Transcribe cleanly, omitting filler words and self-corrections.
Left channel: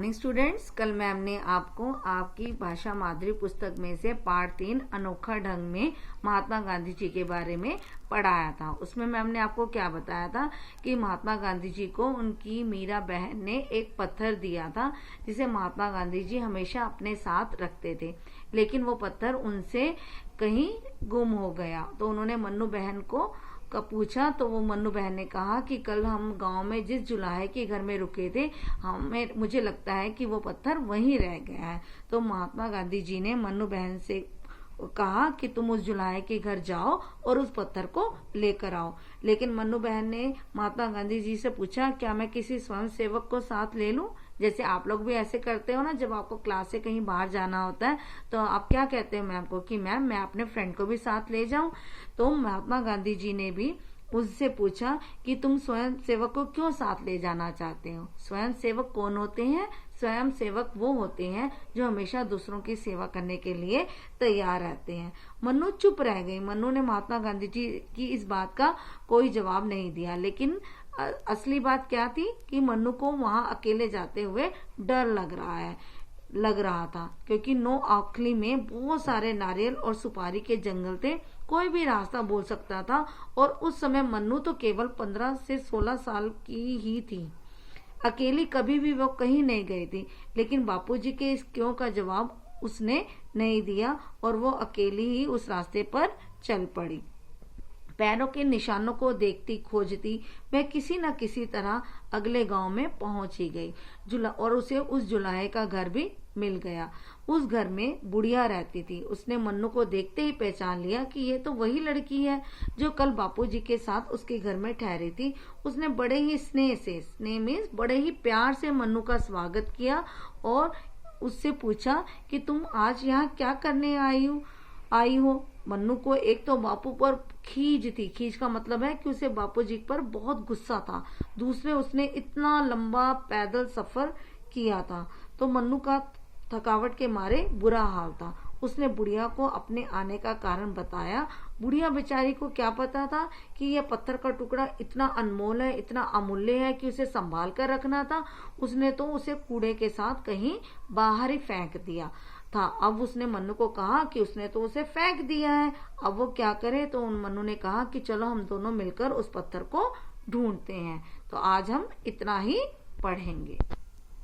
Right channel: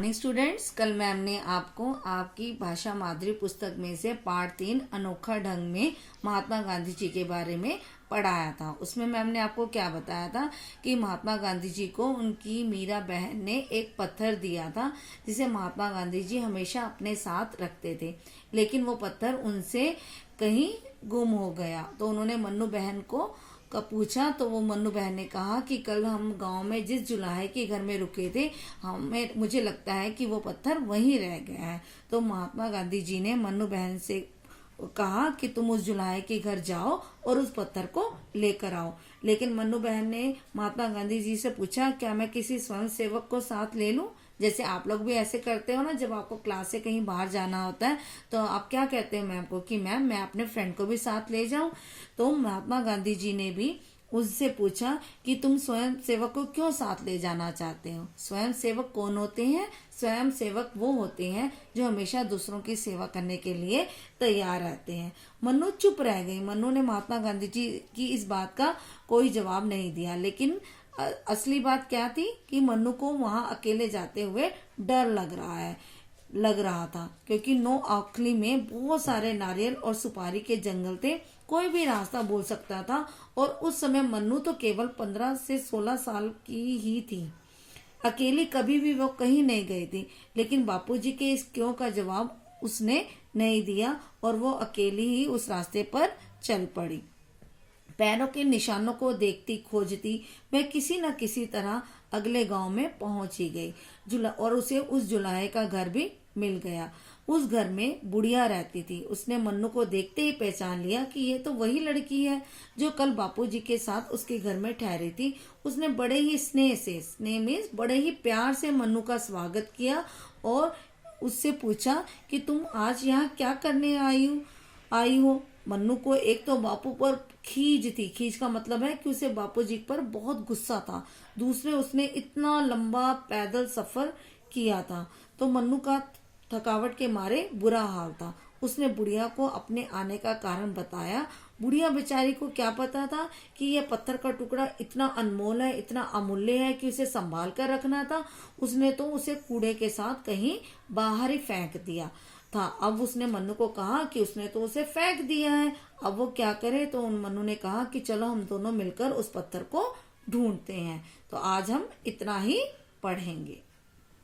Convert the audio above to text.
Morning students, कल ma'am ने आपको आपकी भाषा माधुरी पुस्तक में से पाठ 3 अनोखा ढंग में महात्मा गांधी जी के बारे में पढ़ाया था। उसमें मैम ने आपको क्या बताया था कि महात्मा गांधी जी को उनकी मीरा बहन ने एक पत्थर दिया था जिसे महात्मा गांधी जी हमेशा अपने साथ रखते थे, लेकिन वो पत्थर उनसे कहीं गुम हो गया। तो उन्होंने मन्नू बहन को पूछा तो वो मन्नू बहन ने कहा कि कल हम गांव में जिस जुलाहे के घर में रुके थे, मुझे लगता है कि वो पत्थर वहीं रह गया है। तो महात्मा गांधी जी ने मन्नू बहन से कहा कि तुम उस जुलाहे के घर जाओ और उस पत्थर को लेकर आओ। लेकिन मन्नू बहन ने महात्मा गांधी जी से पूछा, क्या मैं किसी स्वयं सेवक को साथ ले लूं? जैसे आप लोग भी ऐसे करते हो ना, जब आपको क्लास से कहीं बाहर जाना होता है तो आप क्या कहते हो मैम को कि मैम मैं अपने फ्रेंड को भी साथ ले जाऊं। तो महात्मा गांधी जी ने भी उससे पूछा कि तुम स्वयं सेवक को क्यों साथ ले जाना चाहते हो। स्वयं सेवक कौन होते हैं? स्वयं सेवक वो होते हैं जो हमेशा दूसरों की सेवा करने के लिए तैयार रहते हैं। मन्नू चुप रह गई। मन्नू ने महात्मा गांधी जी की इस बात का कोई जवाब नहीं दिया, लेकिन असली बात क्या थी कि मन्नू को वहां अकेले जाते हुए डर लग रहा था, क्योंकि नोआखली में बहुत सारे नारियल और सुपारी के जंगल थे। कोई भी रास्ता बोल सकता था और उस समय मन्नू तो केवल 15 से 16 साल की ही थी। अकेली कभी भी वो कहीं नहीं गई थी, लेकिन बापूजी के इस क्यों का जवाब उसने नहीं दिया और वो अकेली ही उस रास्ते पर चल पड़ी। पैरों के निशानों को देखती खोजती वह किसी न किसी तरह अगले गांव में पहुंच ही गई और उसे उस जुलाहे का घर भी मिल गया। उस घर में बुढ़िया रहती थी। उसने मन्नू को देखते ही पहचान लिया कि ये तो वही लड़की है जो कल बापूजी के साथ उसके घर में ठहरी थी। उसने बड़े ही स्नेह में बड़े ही प्यार से मन्नू का स्वागत किया और उससे पूछा कि तुम आज यहाँ क्या करने आई हो। मन्नू को एक तो बापू पर खींच का मतलब है कि उसे बापूजी पर बहुत गुस्सा था। दूसरे, उसने इतना लंबा पैदल सफर किया था तो मन्नू का थकावट के मारे बुरा हाल था। उसने बुढ़िया को अपने आने का कारण बताया। बुढ़िया बेचारी को क्या पता था कि यह पत्थर का टुकड़ा इतना अनमोल है, इतना अमूल्य है कि उसे संभाल कर रखना था। उसने तो उसे कूड़े के साथ कहीं बाहर ही फेंक दिया था। अब उसने मन्नू को कहा कि उसने तो उसे फेंक दिया है, अब वो क्या करे। तो मन्नू ने कहा कि चलो हम दोनों मिलकर उस पत्थर को ढूंढते हैं। तो आज हम इतना ही पढ़ेंगे।